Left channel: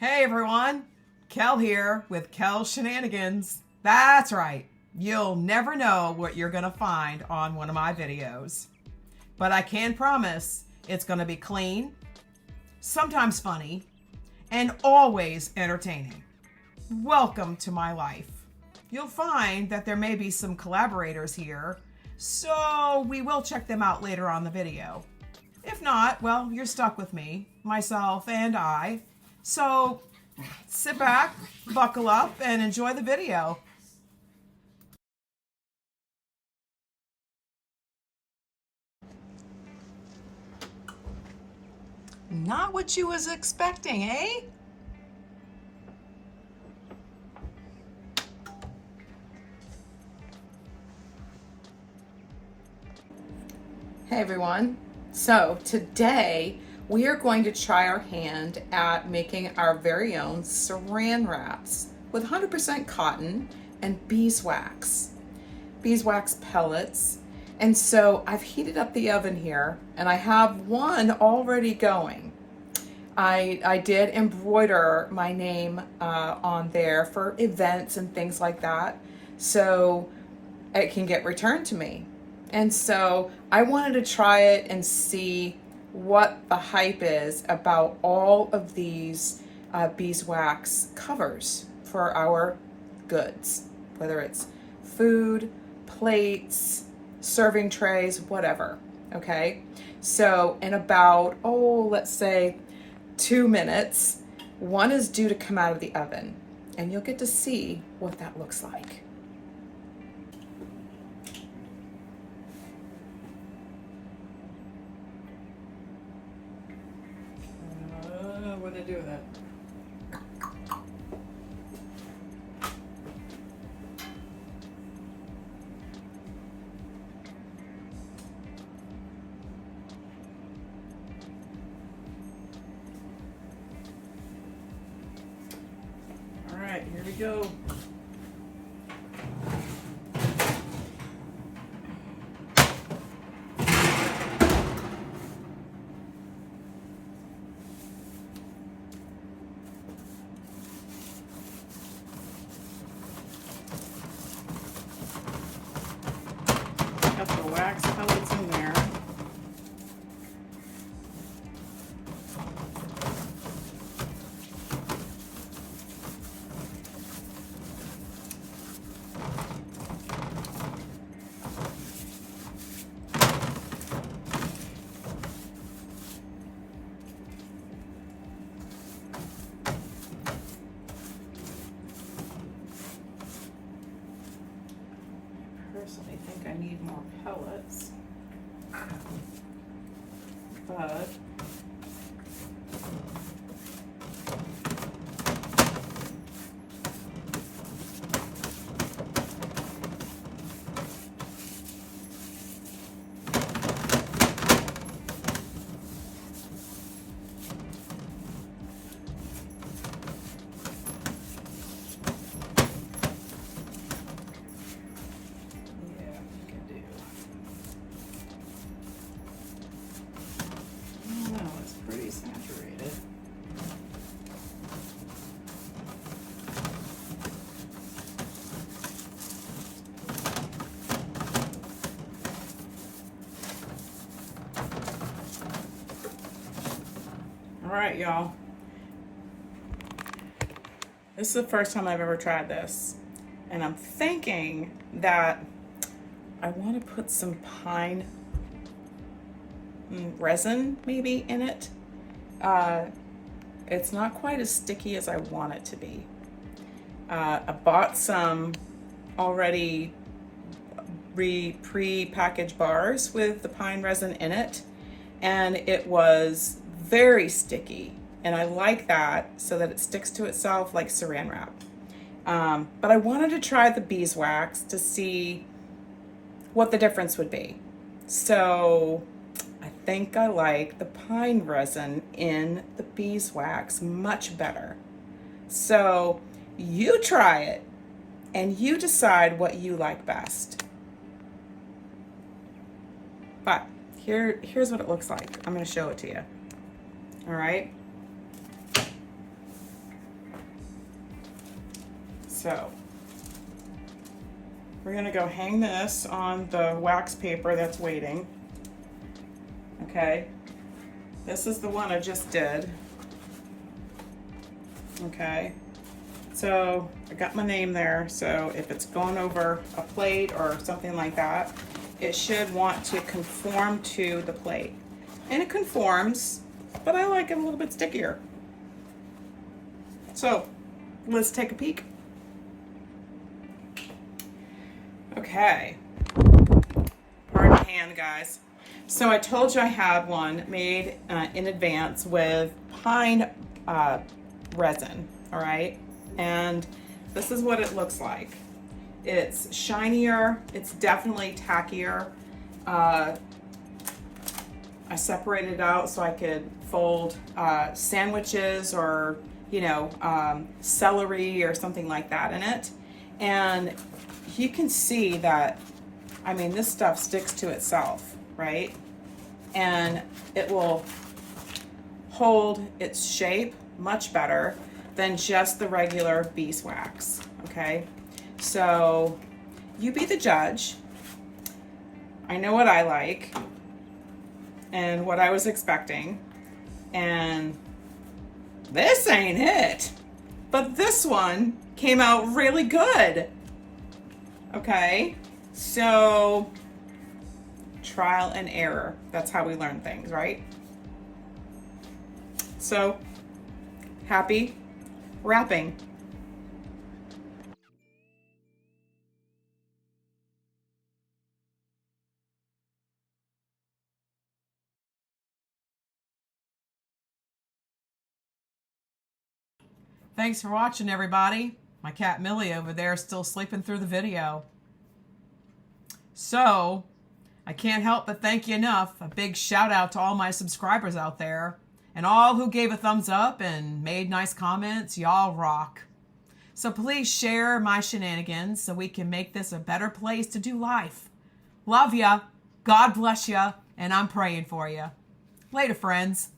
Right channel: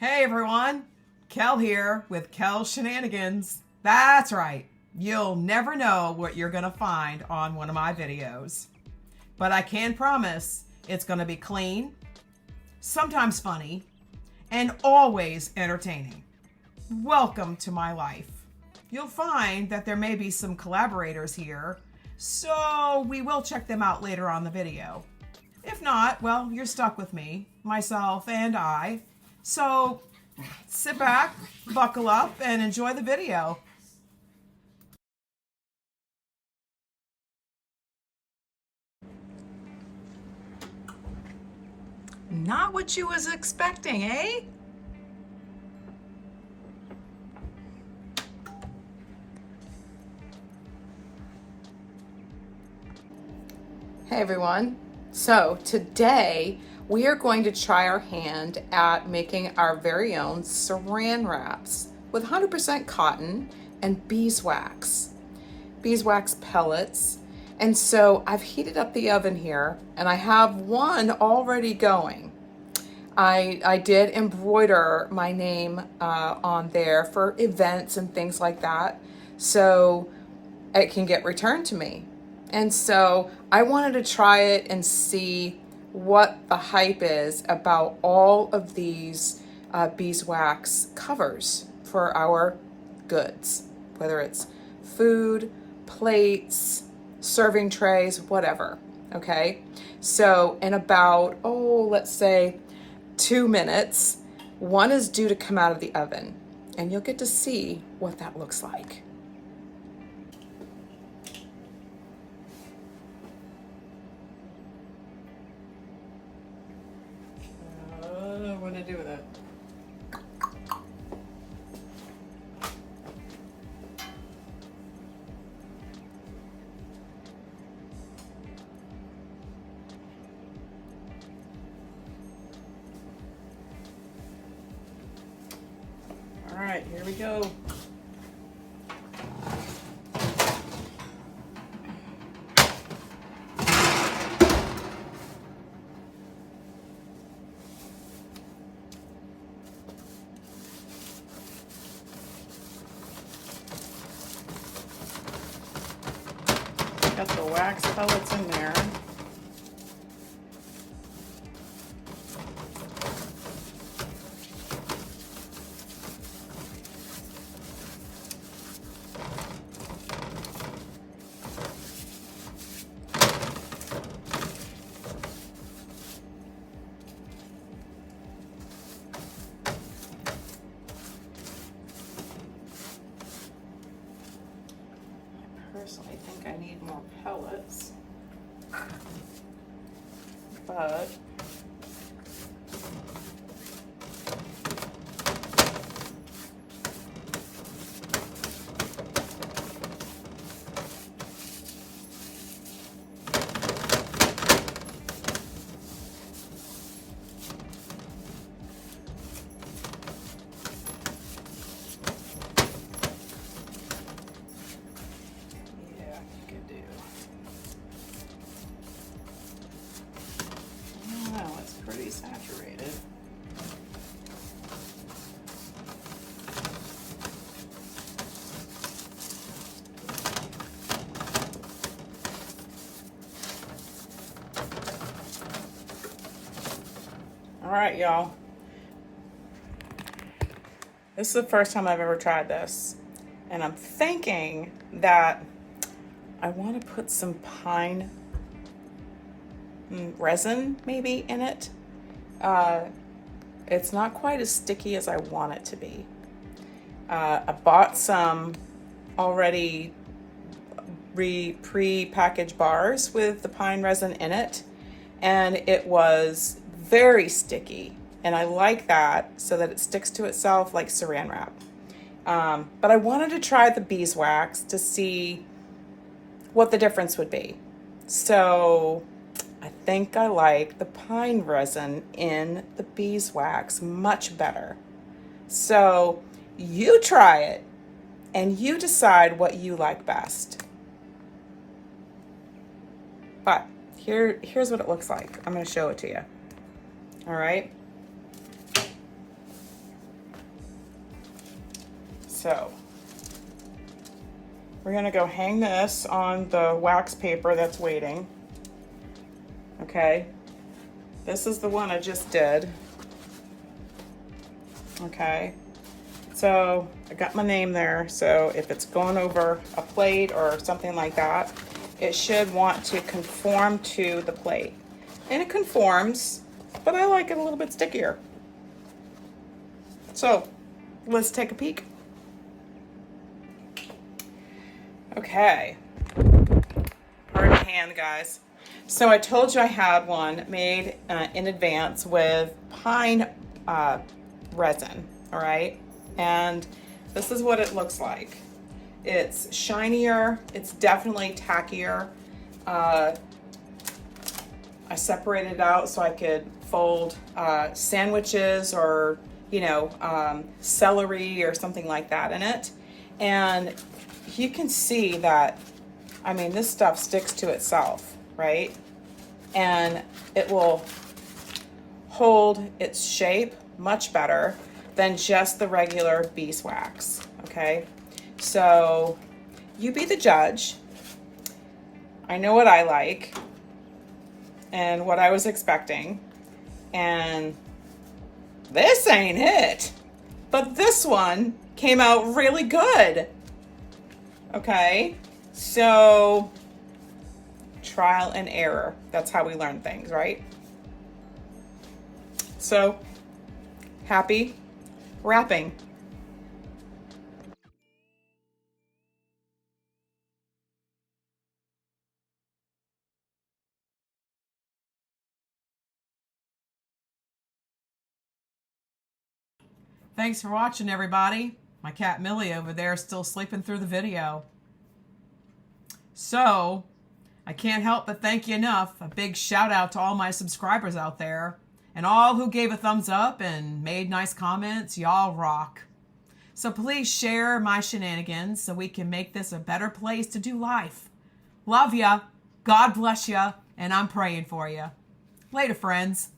Hey everyone, Kel here with Kells Shenanigans. That's right, you'll never know what you're gonna find on one of my videos. But I can promise it's gonna be clean, sometimes funny, and always entertaining. Welcome to my life. You'll find that there may be some collaborators here, so we will check them out later on the video. If not, well, you're stuck with me, myself, and I. So sit back, buckle up, and enjoy the video. Not what you was expecting, eh? Hey everyone. So today we are going to try our hand at making our very own saran wraps with 100% cotton and beeswax pellets. And so I've heated up the oven here and I have one already going. I did embroider my name on there for events and things like that, so it can get returned to me. And so I wanted to try it and see what the hype is about all of these beeswax covers for our goods, whether it's food, plates, serving trays, whatever. Okay, so in about, let's say 2 minutes, one is due to come out of the oven, and you'll get to see what that looks like. What do I do with it? All right, here we go. Got the wax pellets in there. Personally think I need more pellets, but pretty saturated. All right, y'all. This is the first time I've ever tried this, and I'm thinking that I want to put some pine resin maybe in it. It's not quite as sticky as I want it to be. I bought some already pre-packaged bars with the pine resin in it, and it was very sticky, and I like that so that it sticks to itself like saran wrap. But I wanted to try the beeswax to see what the difference would be. So I think I like the pine resin in the beeswax much better. So you try it and you decide what you like best. But here's what it looks like. I'm going to show it to you. All right. So we're gonna go hang this on the wax paper that's waiting. Okay, this is the one I just did. Okay, so I got my name there, so if it's going over a plate or something like that, it should want to conform to the plate. And it conforms, but I like it a little bit stickier. So let's take a peek. Okay, pardon my hand, guys. So I told you I had one made in advance with pine resin, all right? And this is what it looks like. It's shinier, it's definitely tackier. I separated it out so I could fold sandwiches or, you know, celery or something like that in it. And you can see that, I mean, this stuff sticks to itself, right? And it will hold its shape much better than just the regular beeswax, okay? So you be the judge. I know what I like and what I was expecting, and this ain't it. But this one came out really good. Okay, so trial and error. That's how we learn things, right? So happy wrapping. Thanks for watching, everybody. My cat Millie over there is still sleeping through the video. So, I can't help but thank you enough. A big shout out to all my subscribers out there and all who gave a thumbs up and made nice comments. Y'all rock. So please share my shenanigans so we can make this a better place to do life. Love ya. God bless ya. And I'm praying for ya. Later, friends.